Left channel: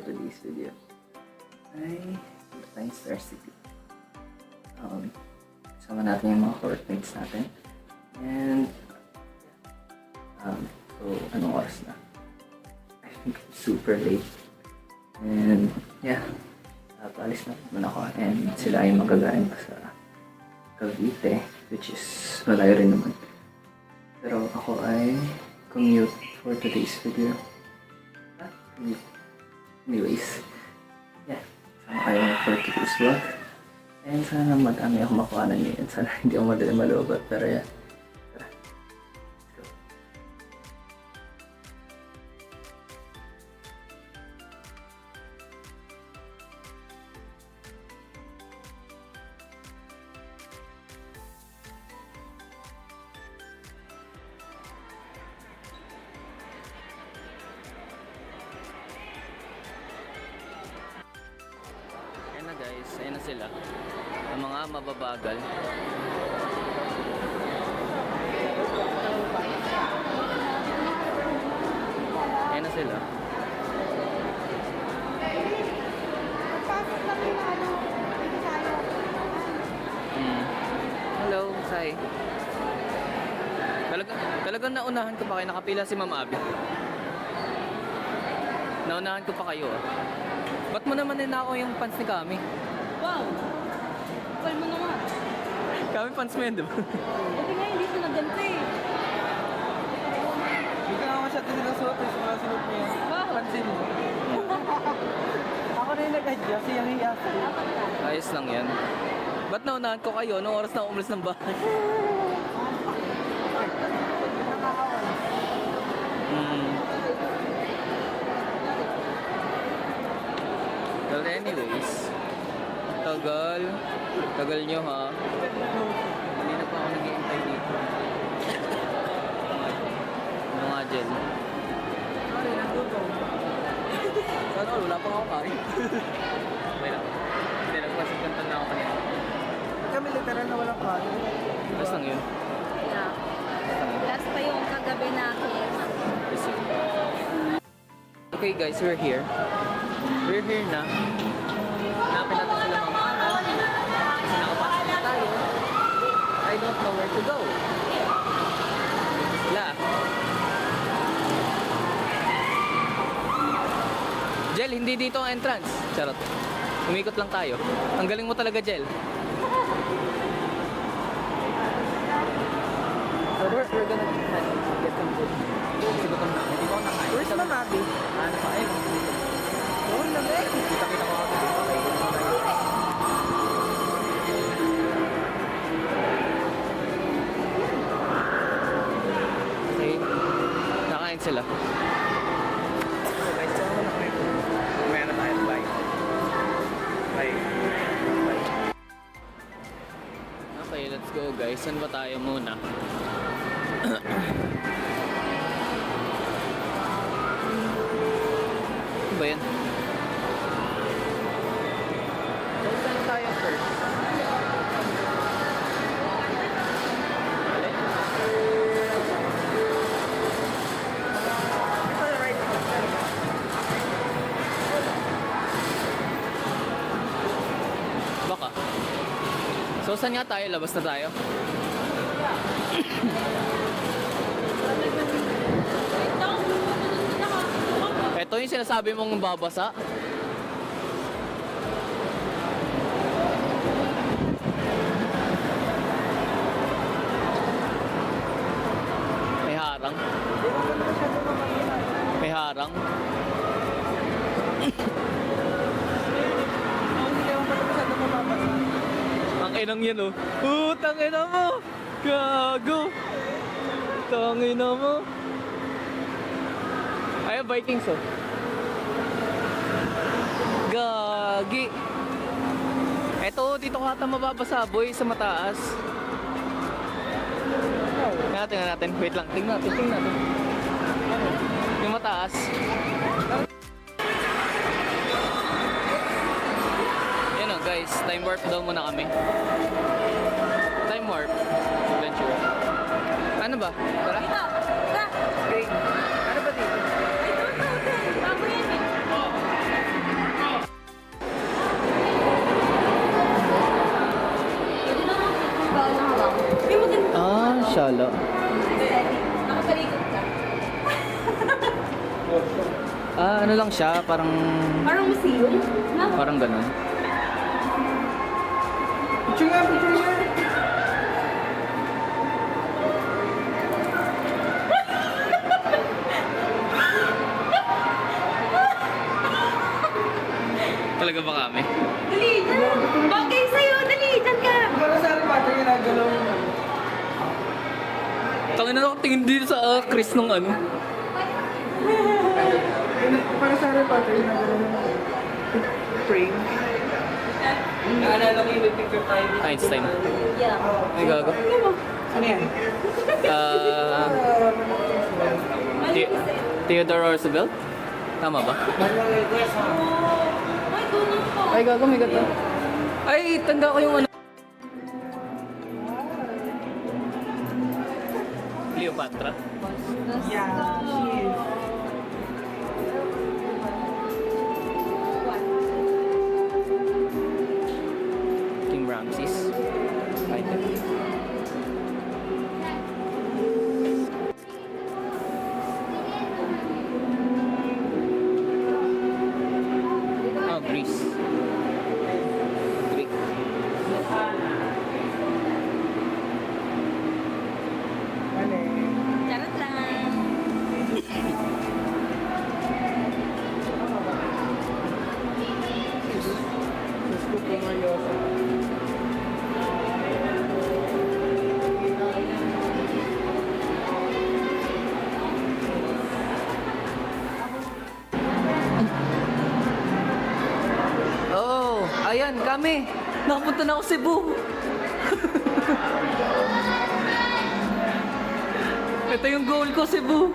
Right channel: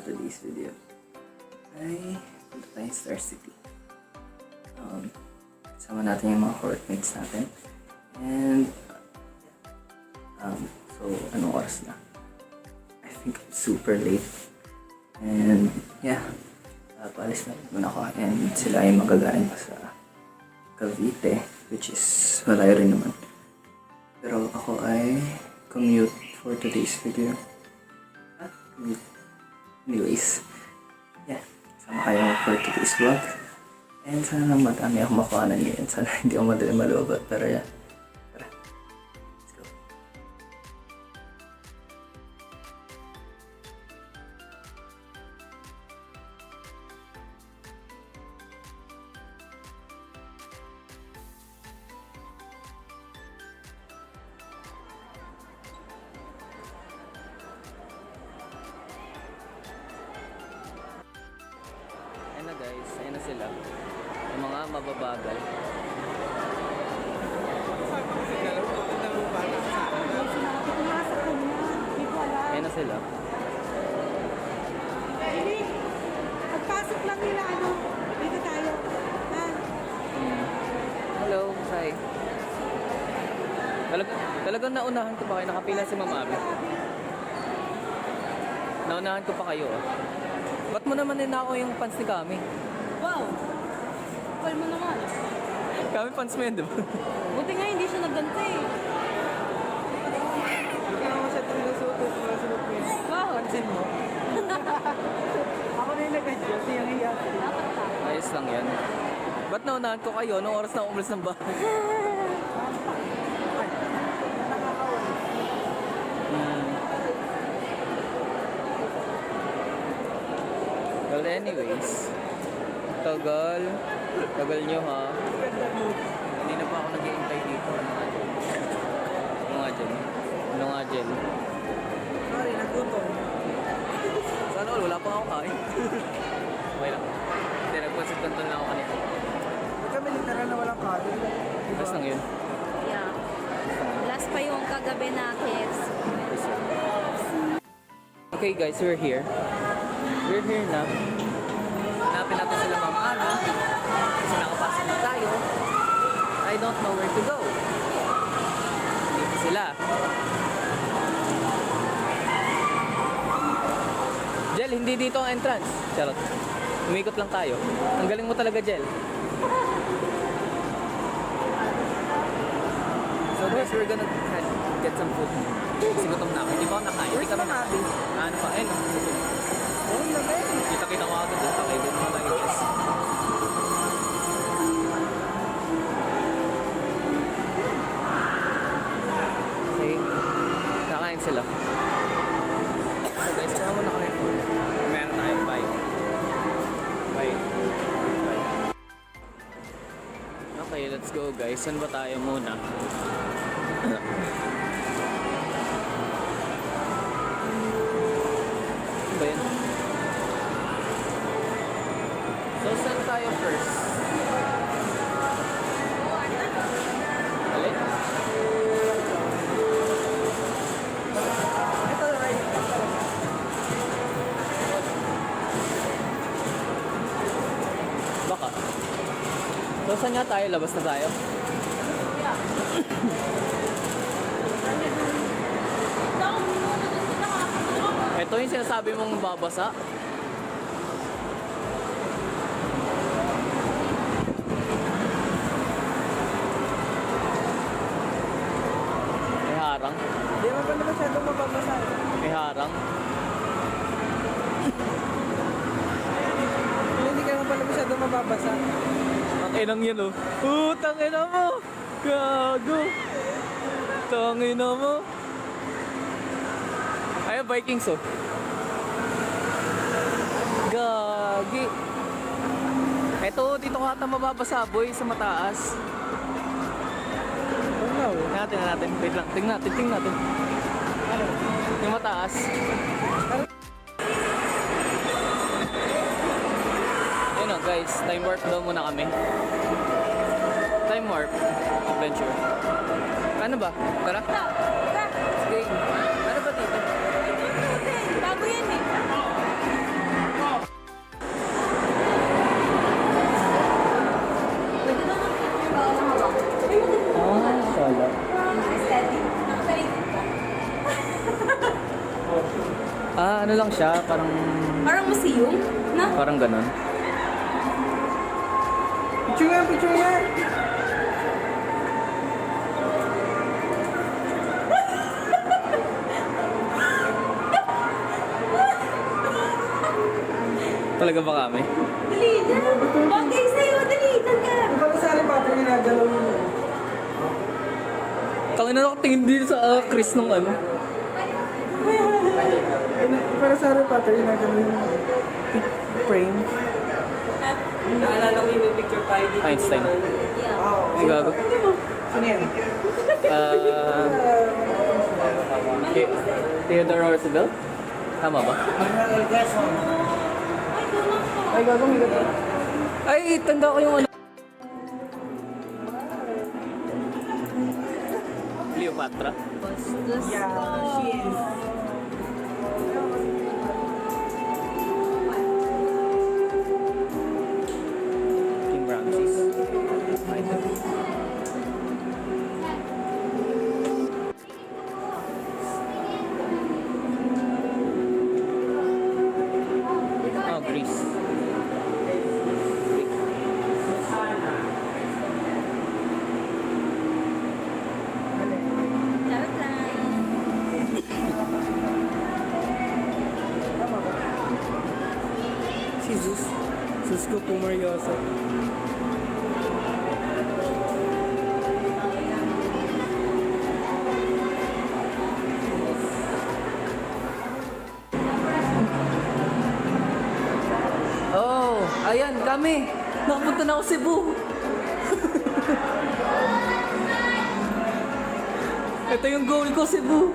for today's video ay punta tayong Star City. Kasama natin yung mga courtmates natin. And so anong oras na? I think it's super late. And yeah, paalis na naman ako. And sila ay magagaling pa sa Cavite, which is malayo rin naman. Pero ako ay commute for today's video. Anyways, yeah, sama kayo for today's vlog. And sana madami akong makuhanan ngayon. Sana hindi ako madali malubat. Pero yeah, tara, let's go. Ayan na guys, ayan na sila. Ang mga mababagal. Ayan na sila. Pagpasok lang nila, dito tayo. Hello, hi. Talagang naunahan ko pa kayo. Nakapila si Ma'am Abby. Naunahan ko pa kayo ah. Ba't mo naman ninako yung pants ni Kami? Wow! Call mo naman. Kami pants mo yun, di ba? Buti nga hindi siya nagganto eh. Pansin mo? Ako rin nagka-Diyos, yung hiya. Dapat ka. Ayos lang yan. Ba't naunahan ko kayo? Anong oras na umalis ng bahay? Well, anyways, tagal nyo ha. Kanina pa ako nag-iintay dito. Ano nga gel? Sorry, nagutom. Sana all, wala pang ako kain. Okay lang. Hindi, nagpansit kanton na ako kanina. Kami literal na walang kain. Basta lang yun. Yeah. Basta lang. Last pa yung kagabi na KFC. Yes, sir. Okay guys, we're here. We're here na. Hanapin natin sila Ma'am Abby. Kasi nakapasok na tayo. I don't know where to go. Dito sila. Jel, hindi dito ang entrance. Charot. Umikot lang tayo. Ang galing mo talaga, Jel. So guys, we're gonna get some food. Kasi gutom na ako. Hindi ko ako nakain. Hindi kami nakain. Ano pa? Ayun. Kita-kita ko ako dito. Okay, gutom na tayo. Okay. Nakain sila. So guys, tsaka mo na kami po. Mamaya na tayo. Bye. Bye. Bye. Okay, let's go guys. Saan ba tayo muna? Ano ba yun? So, saan tayo first? Balik? Baka. So, saan nga tayo? Labas na tayo? Ito yung sinasabi mong babasa. May harang. Hindi naman ganun masyado mababasa. May harang. Hindi kayo masyado mababasa. Ang inang yan oh. Tangina mo! Gago! Tangina mo! Ay, Vikings oh. Gagi! Eto, dito ka ata mababasa boy sa mataas. Tingnan natin. Wait lang. Tingnan natin. Yung mataas. Yan o guys, time warp daw muna kami. Time warp adventure. Ano ba? Tara. Green. Ano ba dito? Ano lang siya, parang museum? Na? parang ganun. Picture nga, picture nga. Talaga ba kami? Dali, dyan! Bagay sa'yo! Dali, dyan ka! Para sa Harry Potter yung nagalaw yun. Tangin na ako tingin dito sa Chris nung ano. Para sa Harry Potter yung nagalaw yun. Frame. Naalala ko yung picture tayo dito. Einstein. Yeah. Ay, gago. Ano yan? Theodore Roosevelt? Tama ba? Yes, Ay, gago, may gato. Ay, tanda ko yung ano. Cleopatra? Yeah, she is. King Ramses. Item. Oh, Greece. Greek. Charot lang. Jesus. Sus ko tumaryosa. Oh, ayan kami. Nakapunta na ako Cebu. Ito yung goal ko, Cebu.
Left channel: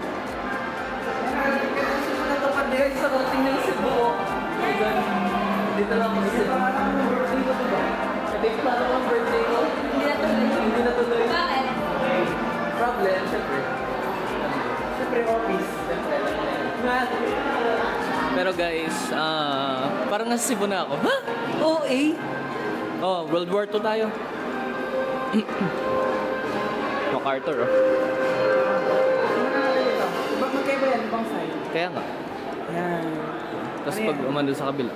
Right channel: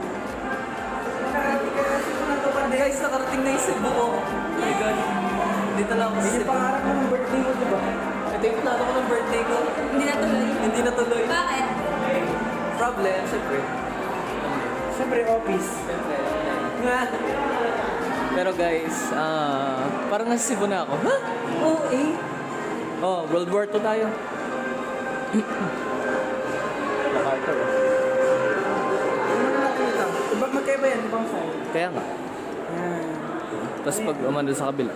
Guys, nakarating na yung Cebu. Oh my God. Dito lang ako sa Cebu. Ito yung plano ko ng birthday ko. Hindi natuloy. Bakit? Problem, syempre. Siyempre, office. Syempre, alam mo na yun. Pero guys, parang nasa Cebu na ako. Ha? OA? Oh, World War II tayo. MacArthur, oh. Diba magkaiba yan? Ibang side. Kaya nga. Yan. Tapos pag umando sa kabila.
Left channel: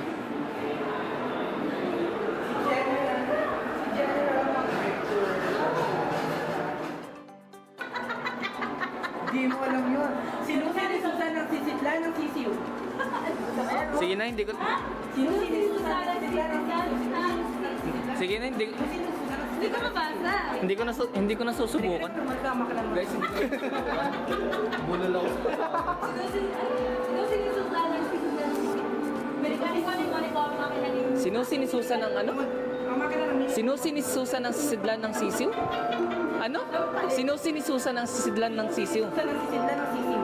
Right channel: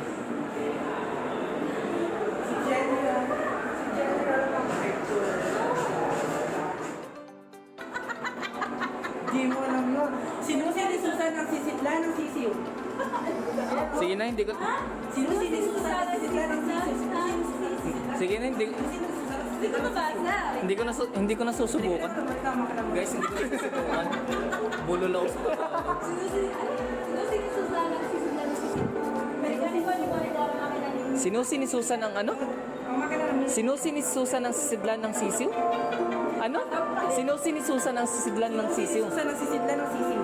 Di mo alam yun. Sino si Susan ang sisitla ng sisiw? Sige na, hindi ko... Sino si Susan ang sisitla ng sisiw? Sige na, hindi... Hindi ko mabasa. Hindi ko na susubukan. Guys, hindi ko na susubukan. Bulol ako sa totoo. Sino sinisusan ng ano? Sino sinisusan ng sisidlan ng sisiw? Ano? Sino sinisusan ng sisidlan ng sisiw? Susan ang sisitla ng sisiw.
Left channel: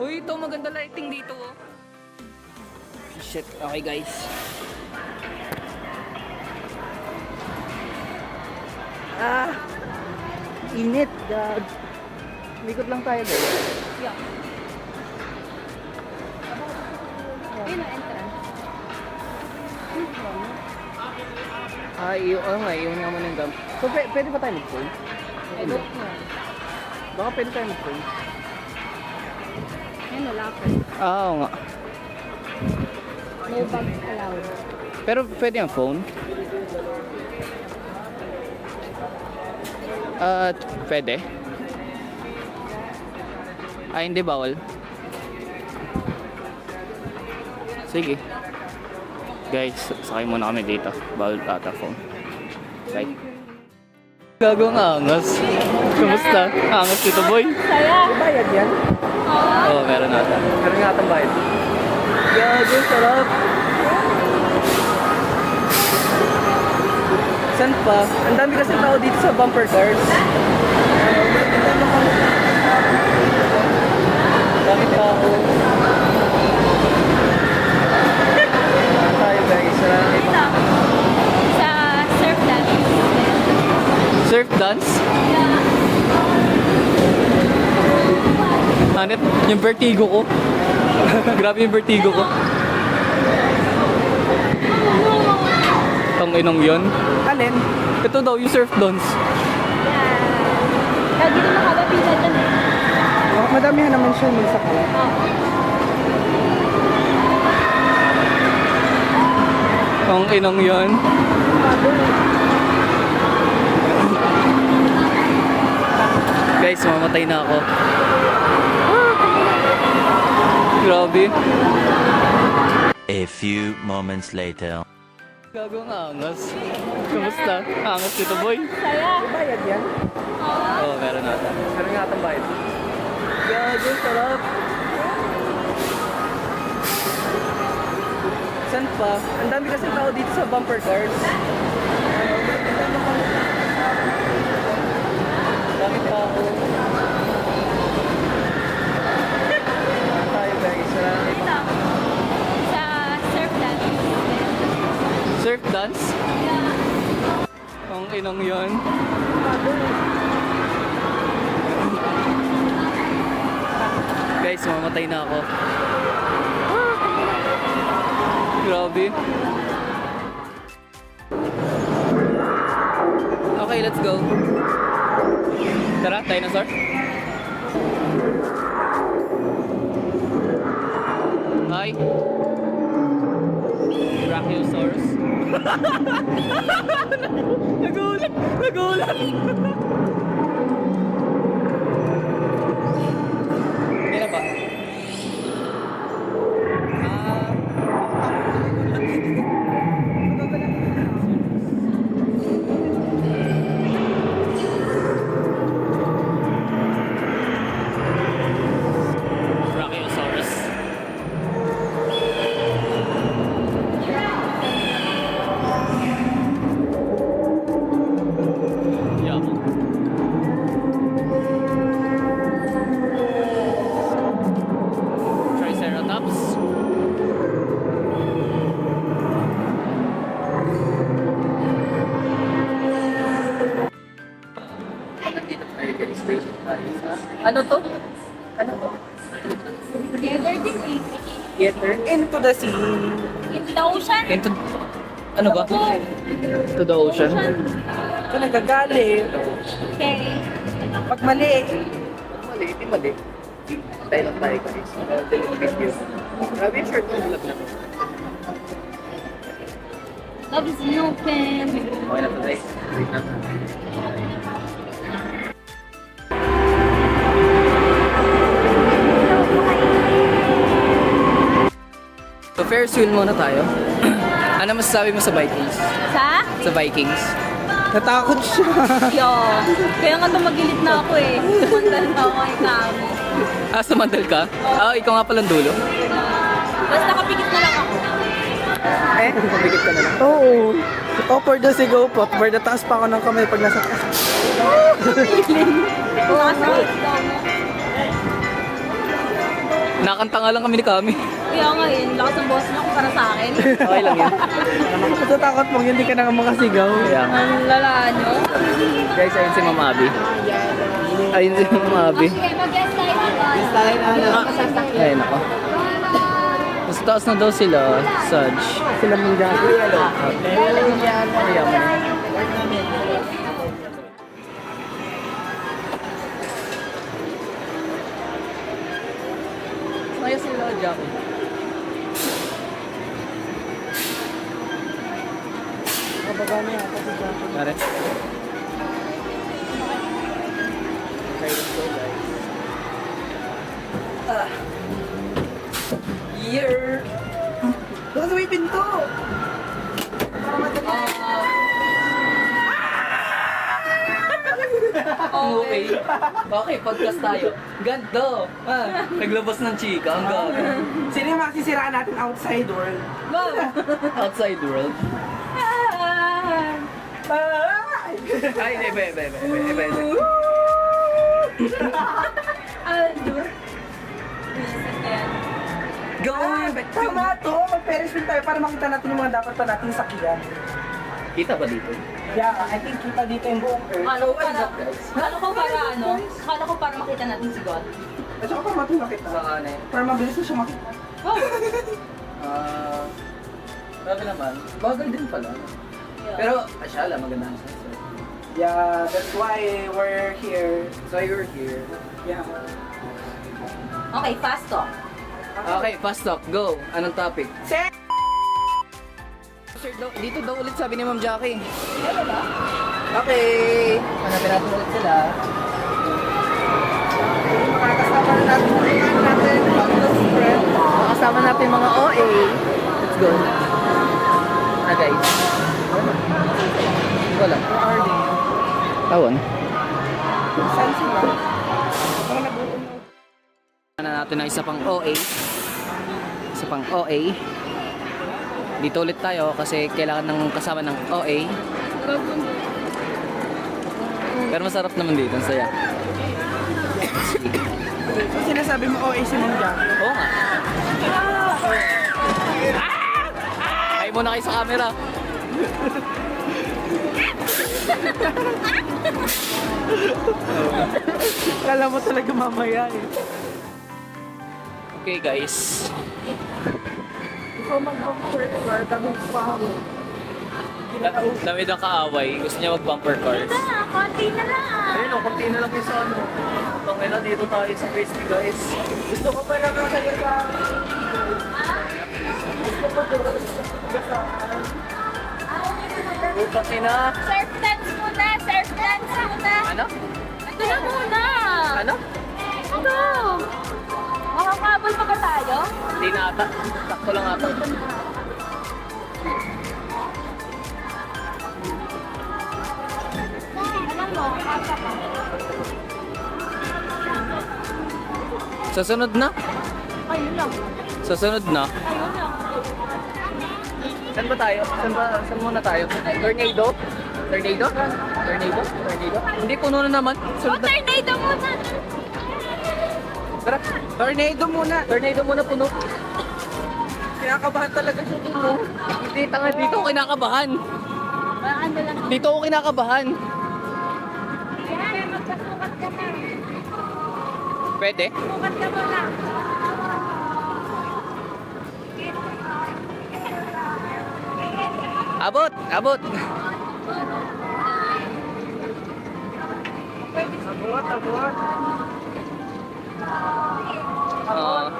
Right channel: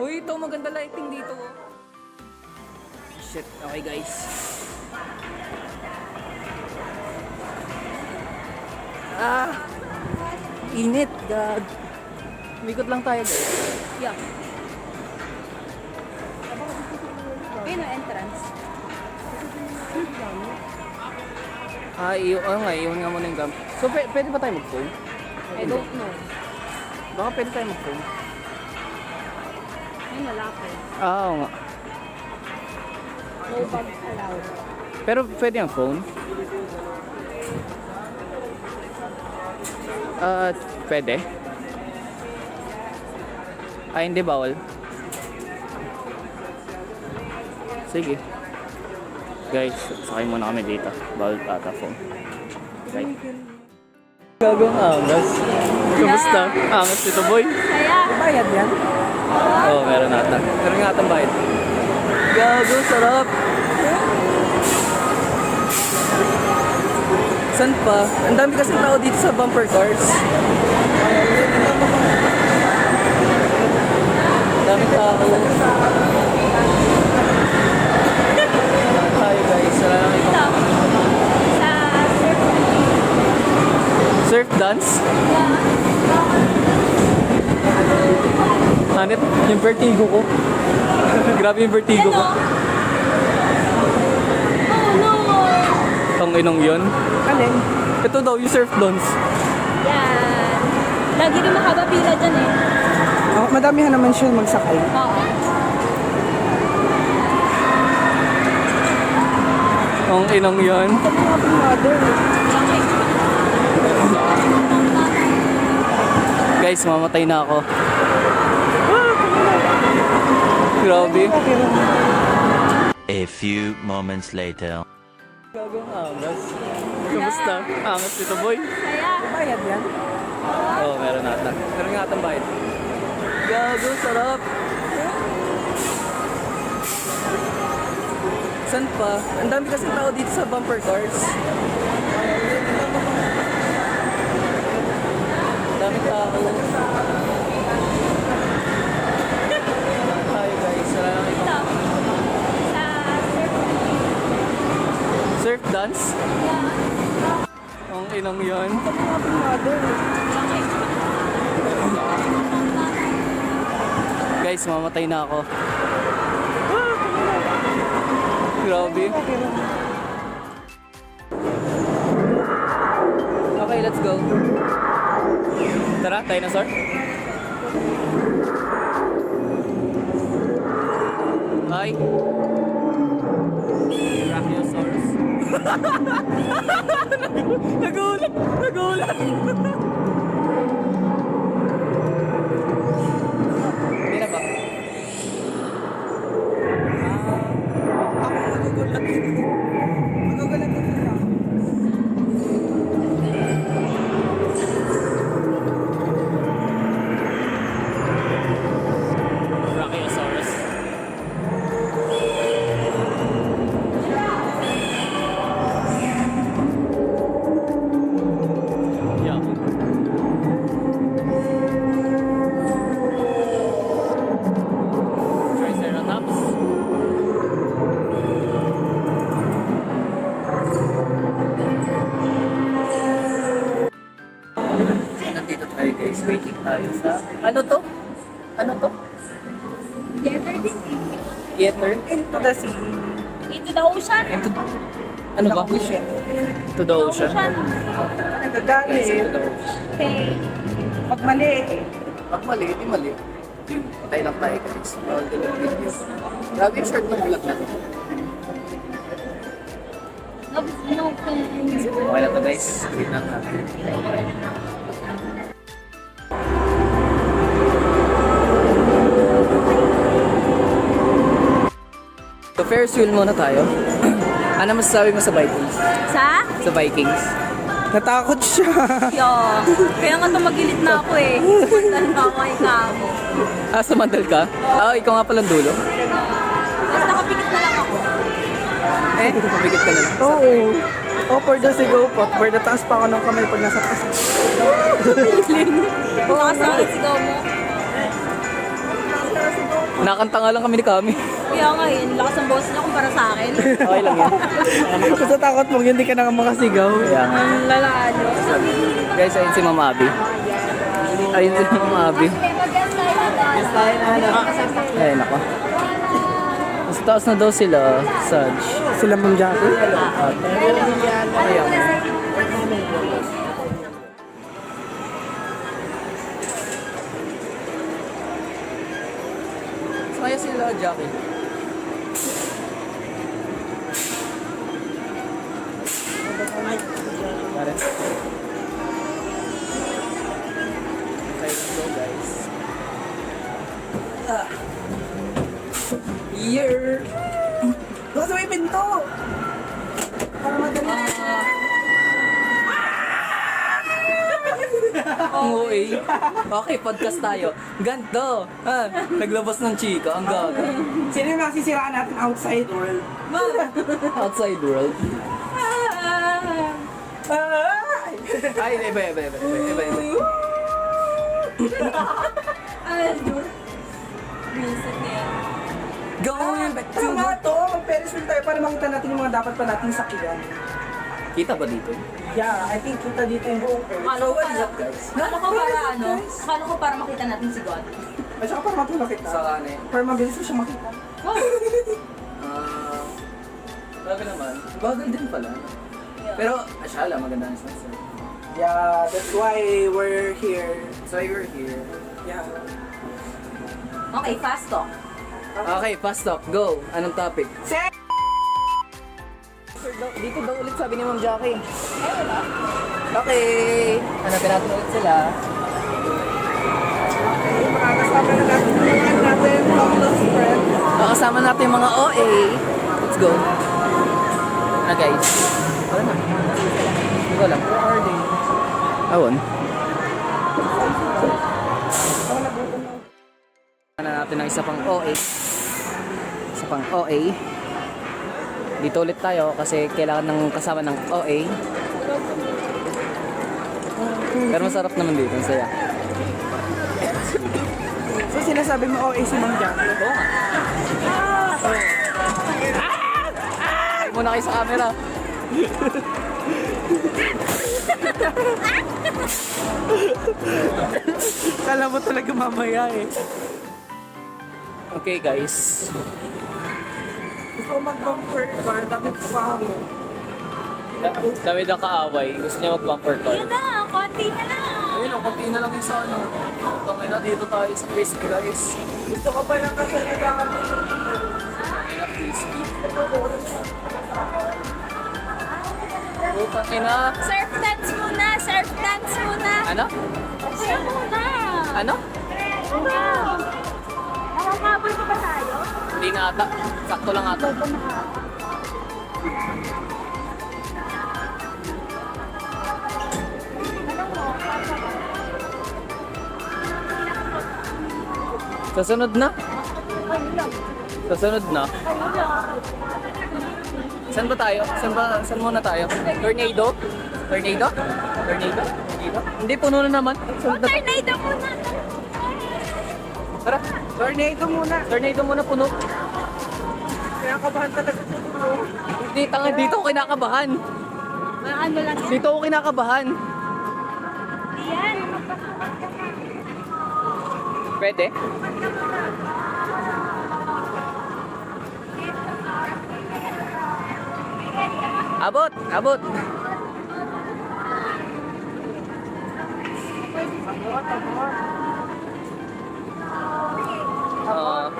Uy, ito maganda lighting dito, oh. Shit, okay guys. Init, God. Likot lang tayo, guys. Yeah. Ayun ang entrance. Iyon nga muna yung gam. So, pwede ba tayo mag-phone? Hindi. Baka pwede tayo mag-phone. Ayun, malapit. Oo nga. No bike allowed. Pero pwede ang phone? Pwede? Hindi bawal. Sige. Guys, sakay muna kami dito. Bawal ata phone. Right. Gagawang angas. Kamusta? Angas dito, boy. Saya. Bayad yan? Oo, meron ata. Meron nga atang bayad. Gago, sarap. Saan pa? Ang dami kasi tao dito sa bumper cars. Ang dami tao. Tayo guys, wala nang ibang... Sa surf dance. Surf dance? Yeah. Hanit, yung vertigo ko. Grabe yung vertigo ko. Tong inong yun. Alin? Ito daw, yung surf dance. Yan. Lagi na makagapita dyan eh. Bakit Madamihan naman siya may sakit. Ang inang yan. Guys, mamatay na ako. Grabe. A few moments later. Gagawang angas. Kamusta? Angas dito, boy. Saya. Bayad yan. Oo, meron natin. Meron nga natin bayad. Gago, sarap. Saan pa? Ang dami kasi tao dito sa bumper cars. Dami tao. Tayo guys, wala nang ibang... Sa surf life. Surf dance? Yeah. Ang inang yan. Guys, mamatay na ako. Grabe. Okay, let's go. Tara, dinosaur. Hi. Brachiosaurus. Nagulat! Nagulat! Hindi na ba? Brachiosaurus. Yeah. Triceratops. Nandito tayo guys, waiting tayo sa... Ano to? Ano to? Together din eh. Theater? Into the sea. Into the ocean. Into... Ano ba? To the ocean. Ito nagagalit. Okay. Pag mali. Pag mali, di mali. Tayo lang tayo guys. Bawal din yung video. Grabe yung short ng vlog na to. Love is an open. Okay na to guys. Wait lang natin. Bye. So Ferris wheel muna tayo. Ano masasabi mo sa Vikings? Sa? Sa Vikings? Natakot siya. Yo. Kaya nga tumagilid na ako eh. Sumandal na ako kay Kamo. Ah, sumandal ka? Ah, ikaw nga palang dulo. Basta nakapikit na lang ako. Eh, kumikit ka na lang. Oo. Oh, for the sigaw po. For the taas pa ako ng kamay pag nasa taas. Nakasakit daw mo. Nakanta nga lang kami ni Kami. Kaya nga yun, lakas ang boss niya kumpara sa akin. Okay lang yan. Basta takot mo, hindi ka na makasigaw. Kaya nga. Ang lala nyo. Guys, ayun si Mama Abby. Ayun si Mama Abby. Ayun ako. Mas taas na daw sila, Saj. Sila mong gabi. Ayaw mo. Kaya sila, Jackie. Tara. Let's go, guys. Year! Doon sa may pinto! Para madali. Okay. Okay, podcast tayo. Ganto. Naglabas ng chika. Ang gaga. Sino yung masisiraan natin outside world? Outside world. Ay! Ay, iba. Reset na yan. Going back to... Tama to! Mag-Ferris wheel tayo para makita natin yung mga dapat pa nating sakyan. Kita ba dito? Yeah, I think kita dito yung buong Ferris. Akala ko para, guys? akala ko para ano, akala ko para makita natin si God. At saka para matulak kita. Sa kanin. Para mabilis mo siya makita. Wow. Grabe naman. Bagal din pala. Pero, asyala, maganda ang sunset. Yeah, that's why we're here. So you're here. Yeah. Okay, fast talk. Okay, fast talk. Go. Anong topic? Sir! Dito daw ulit sabi ni Ma'am Jackie. Okay. Hanapin natin ulit sila. Makakasama na natin yung natin, close friend. Makasama natin yung mga OA. Let's go. Na guys. Wala na. Hindi ko alam. Where are they? Awan. Saan sila? Parang nagutom na. Na natin ang isa pang OA. Isa pang OA. Dito ulit tayo kasi kailangan ng kasama ng OA. Pero masarap naman dito, ang saya. So sinasabi mo OA si Mang Jackie? Oo nga. Ay muna kayo sa camera. Kala mo talaga mamaya eh. Okay guys. Ikaw mag-bumper car, dami pa ako. Dami ng kaaway. Gusto niya mag-bumper cars. Konti na lang. Ayun, konti na lang yung sa ano. Okay na, dito tayo sa crispy guys. Gusto ko pa lang sa liga. Utang ina. Surf dance muna, surf dance muna. Ano? Ito na muna. Ano? Ano? Nakakabal pa ba tayo? Hindi na ata. Sakto lang ata. Susunod na? Susunod na? Saan ba tayo? Saan muna tayo? Tornado? Tornado? Tornado? Tornado? Hindi, puno na naman. Sunod na. Tornado muna. Tara, Tornado muna. tornado muna puno. Kinakabahan talaga siya. Hindi, tanga, dito ako kinakabahan. Ano lang. Dito ako kinakabahan. Yan, magpasukat ka na. Pwede? Sukat ka muna. Abot! Abot! Abot, abot. Ah,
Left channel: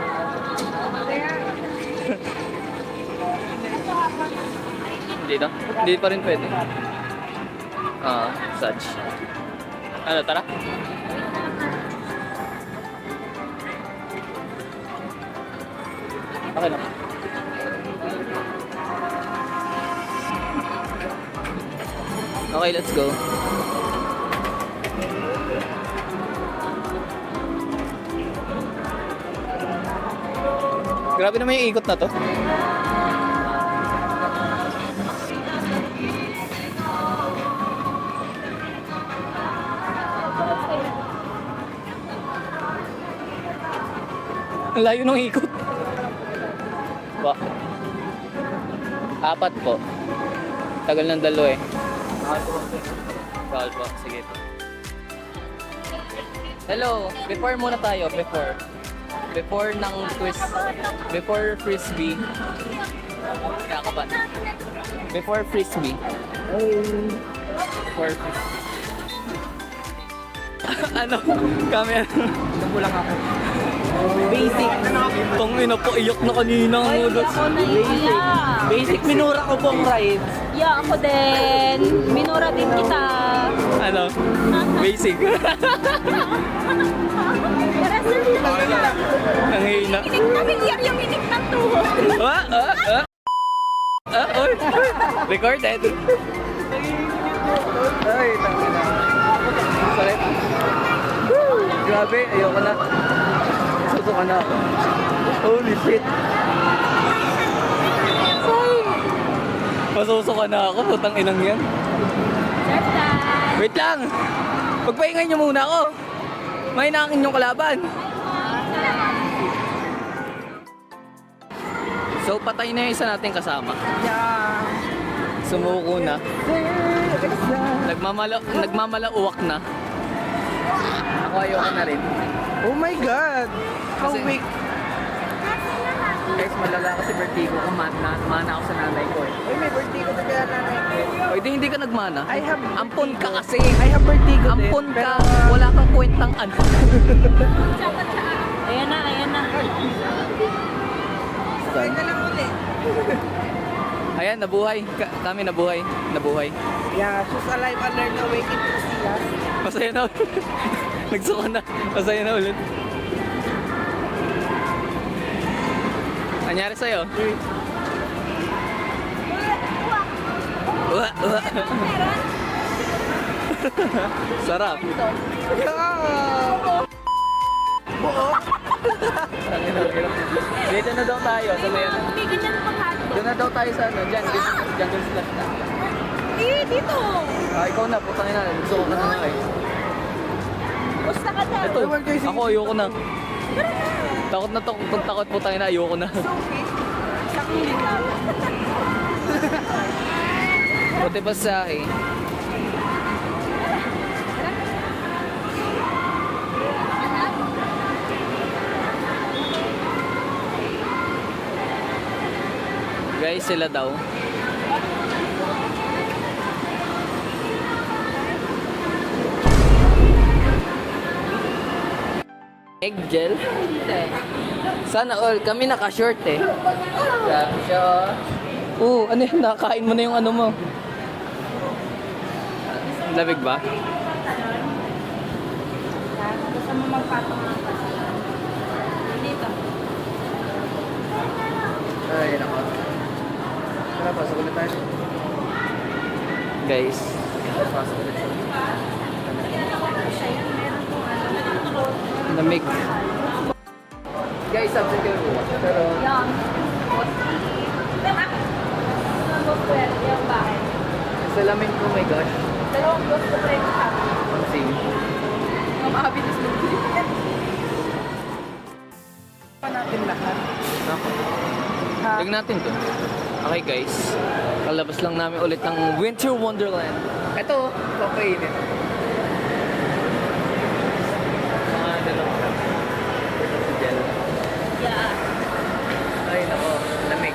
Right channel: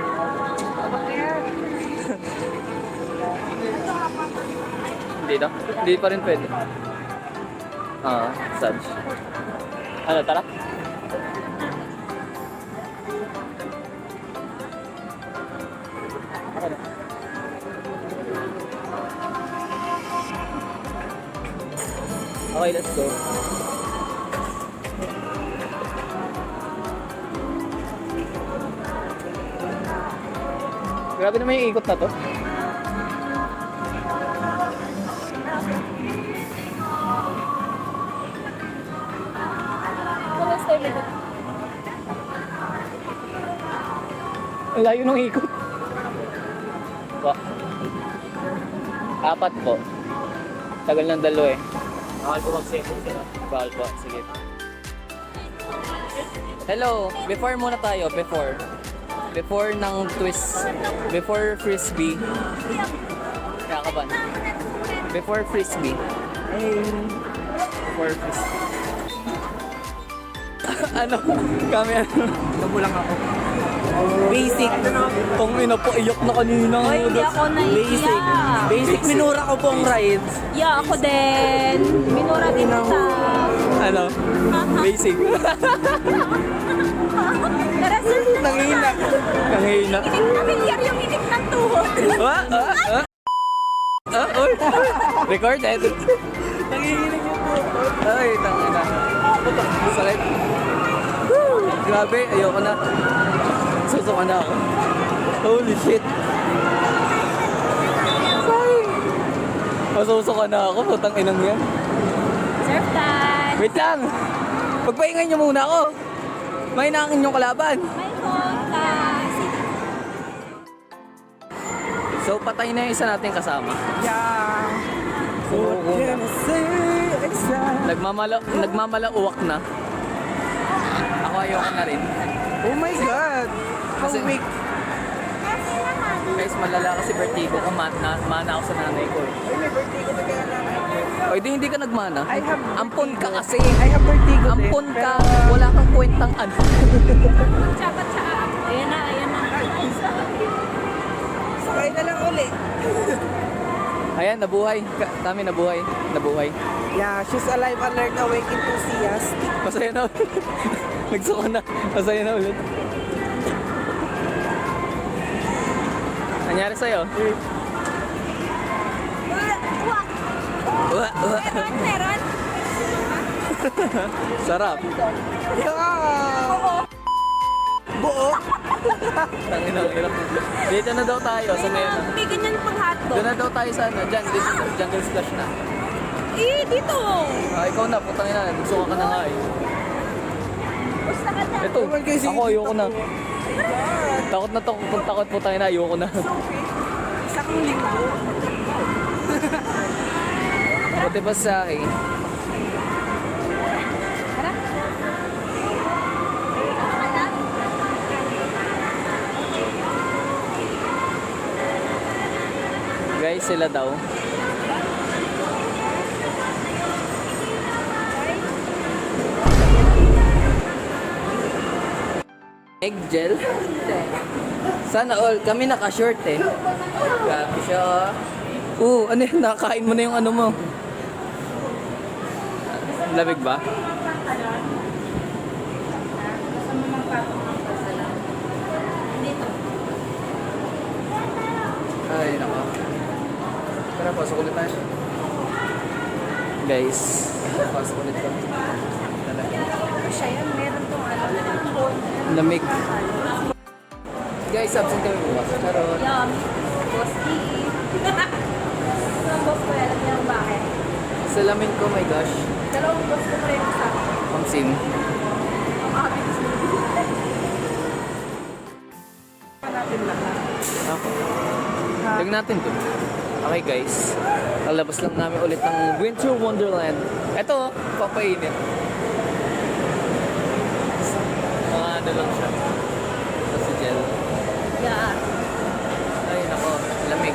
hindi na. Hindi pa rin pwede. Saj. Ano, tara? Okay na. Okay, let's go. Grabe naman yung ikot na to. Ang layo ng ikot. Ba? Apat po. Tagal ng dalo eh. Bawal po. Sige. Hello. Before muna tayo. Before. Before ng twist. Before frisbee. Kakaban. Before frisbee. Before frisbee. Ano? Camera. Nabulang ako. Basic. Tong ina po, iyak na kanina. Hoy, hindi ako naiiyak. Basic minura ko pong rides. Yeah, ako din. Minura din kita. Ano? Basic. Para sa Nangihina. Nangihina. familiar yung minik ng tuhod. Oy. Recorded. Ay, tangina. Sakit. Grabe, ayoko na. Susuka na ako. Holy shit. Ay. Masusuka na ako, putang inang yan. Surf dance. Wait lang. Pagpahingan nyo muna ako. May nangin yung kalaban. So, patay na yung isa nating kasama. Yeah. Sumuko na. Nagmamalauwak na. Ako ayoko na rin. Oh my God. How Kasi- weak. Guys, malala kasi birthday ko. Mana ako sa nanay ko eh. Uy, may birthday ko na kaya na. O, hindi ka nagmana. I have Ampon ka kasi. I have birthday ko din. Ampon ka. pero- Wala kang kwentang ano. Dapat sa aap. Ayan na, ayan na lang ulit. Ayan, nabuhay. Kami nabuhay. Nabuhay. Wow, she's alive, alert, awake, enthusiast. Masaya na ulit. Nagsuka na. Masaya na ulit. Nangyari sa'yo? Uwa, uwa. Sarap. Tangin na, hirap na. Dito na daw tayo sa may ano. Hindi ganyan pang hotdog. Doon na daw tayo sa ano, dyan, dito, jungle splash na. Eh, dito. Ikaw na, putangin na, nagsuka ka na nga eh. Gusto ka na. Ito, Naman kayo, sige. ako ayoko na. Takot na takot putangin na, ayoko na. Isang linggo. Buti ba sa akin? Guys, sila daw. Egg gel? Sana all. Kami naka-short eh. Grabe siya. Ano yun? Nakakain mo na yung ano mo. Lamig ba? Gusto mo magpatong ng pasalan? Dito. Ay, nako. Tara, pasok ulit tayo. Guys, pasok ulit kami. Siya yan, meron tong ano. Lamig. Guys, absent tayo bukas. Pero, Yan. Boski. Gusto yan. Yung bakit? sa lamin ko, my gosh. Dalawang gusto pa yung sa akin. Ang sim. Makabilis mo. Natin lahat. Ako. Ha? Tignan natin to. Okay guys, lalabas lang namin ulit ng Winter Wonderland. Ito, papainit. Mga ano lang siya. Ito si Jel. Yeah. Ay nako, lamig.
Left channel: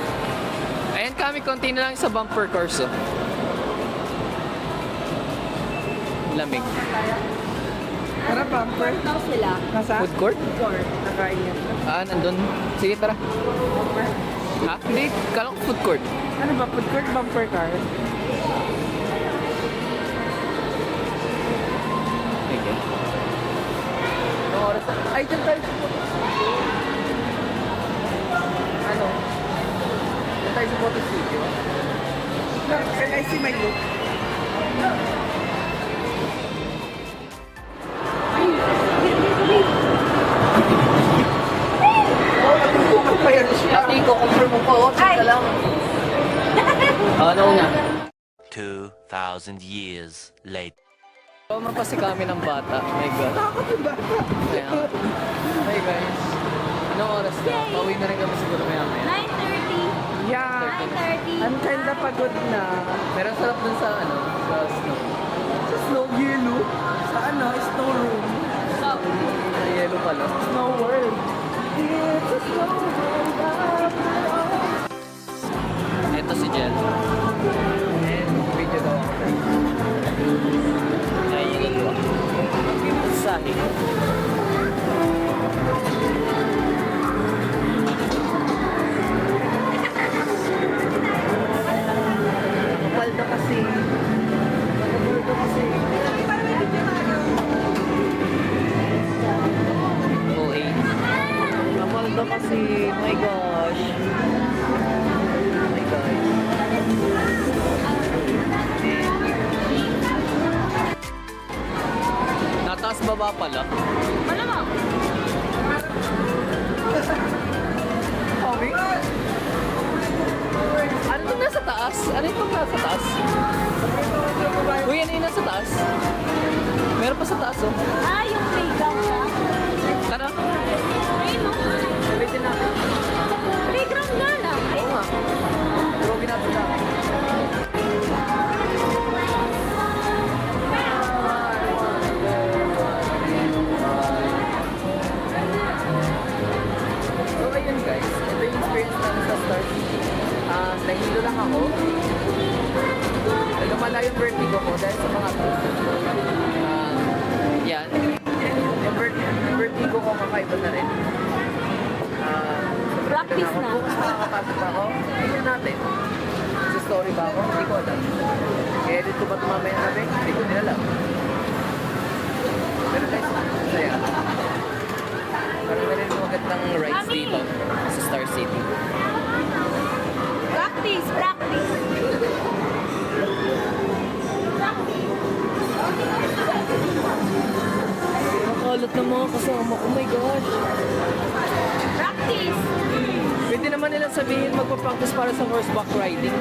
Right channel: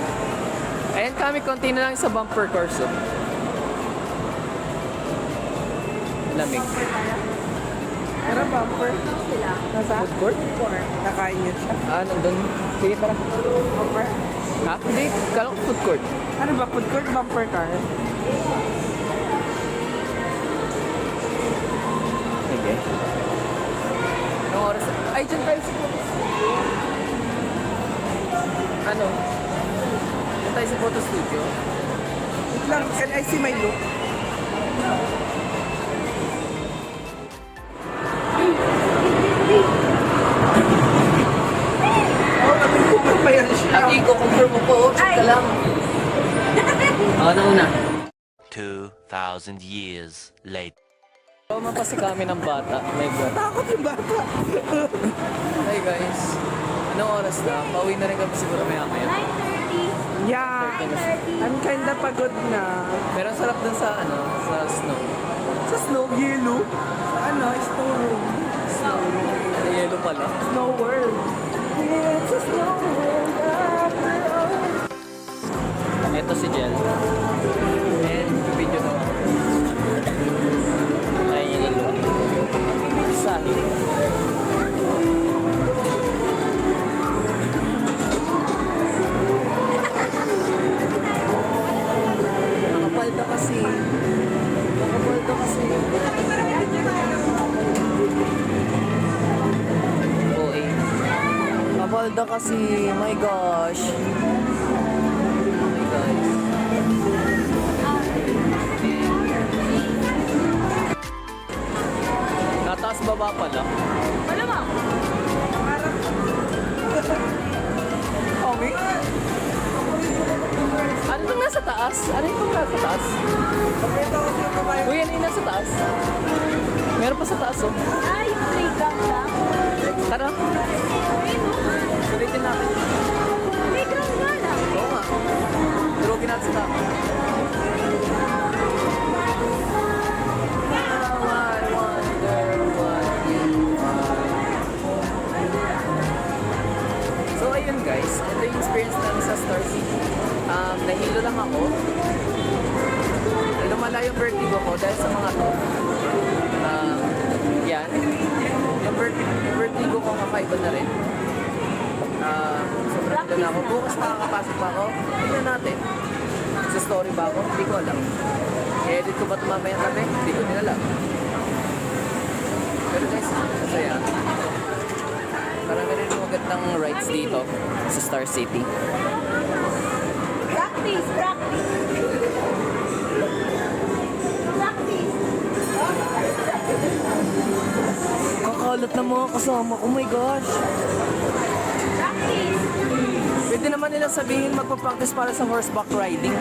Ayan kami, konti na lang sa bumper course. Oh. Lamig. Tara, bumper. Ano sila? Nasa? Food court? Court. Nakain niya siya. Nandun. Sige, tara. Bumper? Ha? Hindi, kala ko food court. Ano ba? Food court, bumper car? Ay, God. Anong oras na? Ay, dyan tayo sa photo studio. Ano? Dyan tayo sa photo studio. I see my look. Magbayad siya. Ate, ko-confirm mo po. Check ka lang. Ano una? 2,000 years later. Tama pa si kami ng bata. Oh my God. Bakit yung bata? Hey guys. Anong oras na? Pauwi na rin kami siguro maya-maya. 9:30. Yeah. 9:30. I'm kinda pagod na. Pero ang sarap dun sa ano, sa snow. Sa snow yellow. Sa ano? Snow room. Snow, yellow pala. Snow world. It's a snow world after all. Ito si Jen. And video daw ako. Ay, gagawa. Sahi. Nakapalda kasi. Nakapalda kasi. OA. Nakapalda kasi. Oh my gosh. Oh my gosh. Nataas baba pala. Kami? Ano yung nasa taas? Ano yung nasa taas? Uy, ano yung nasa taas? Meron pa sa taas, oh. Yung playground lang. Tara. Ulitin natin. Playground nga lang. Oo nga. Durugin natin sa taas. So ayun guys, ito yung experience namin sa Star City. Nahilo lang ako. Lumala yung vertigo ko dahil sa mga to. Yan. Yung vertigo ko kakaiba na rin. So sobrang na ako. Bukas makakapasok pa ako. Tignan natin. Sa story ba ako? Hindi ko alam. I-edit ko ba ito mamayang gabi? Hindi ko din alam. Pero guys, masaya. Parang meron yung magandang rides dito sa Star City. Practice, practice. Nakalat ng mga kasama. Oh my gosh! Practice. Pwede naman nila sabihin magpa-practice para sa horseback riding.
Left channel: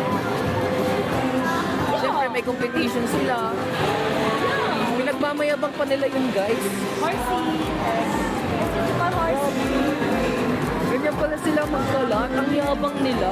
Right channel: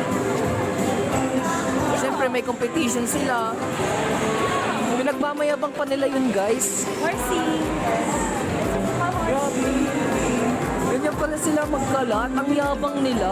Siyempre may competition sila. Pinagmamayabang pa nila yung guys. Horsey. Grabe. Ganyan pala sila magkalat. Ang yabang nila.